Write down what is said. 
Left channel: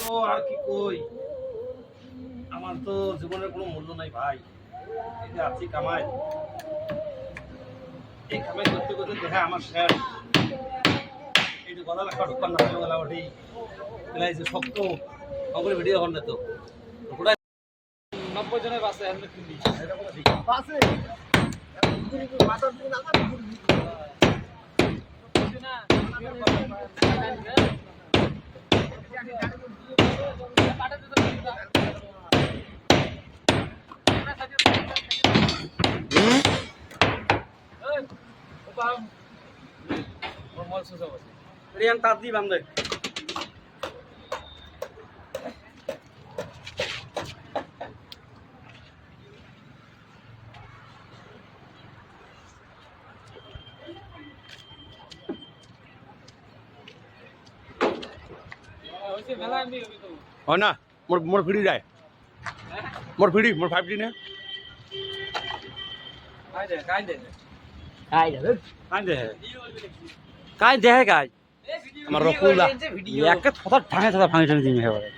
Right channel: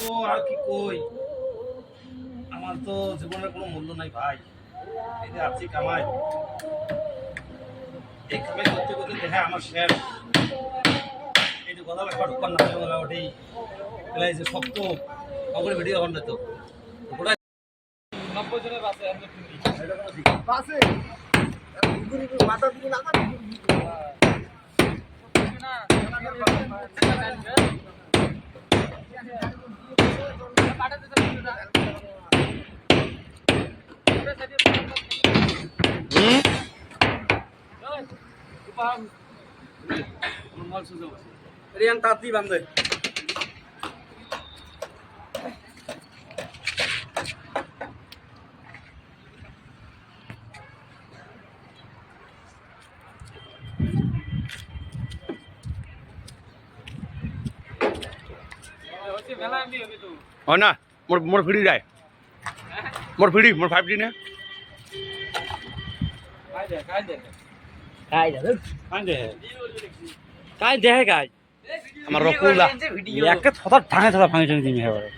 তো আর কি কই, আমার তো জীবনের কোনো মূল্য নাই ভাই। এই যে আছি কামাই, এই কামাই করতে করতে দেখা আমার শেষ। এই যে গলা লেখা ঢুকার না গলা ওঠেই এলাই যে শক্ত খবরের ভিডিও এখন তো ওটা 90 জনের বাসে এমনি ফিরি এটা কোনো ঠিক বাসে মাথা দিকে না Rian tadi bang deh. Oh na, more free dai. More free, more 5G ne. Kai deh. Kai deh kai. আমার রকুলা একটা ছটা ভাঙে দিমি এবারে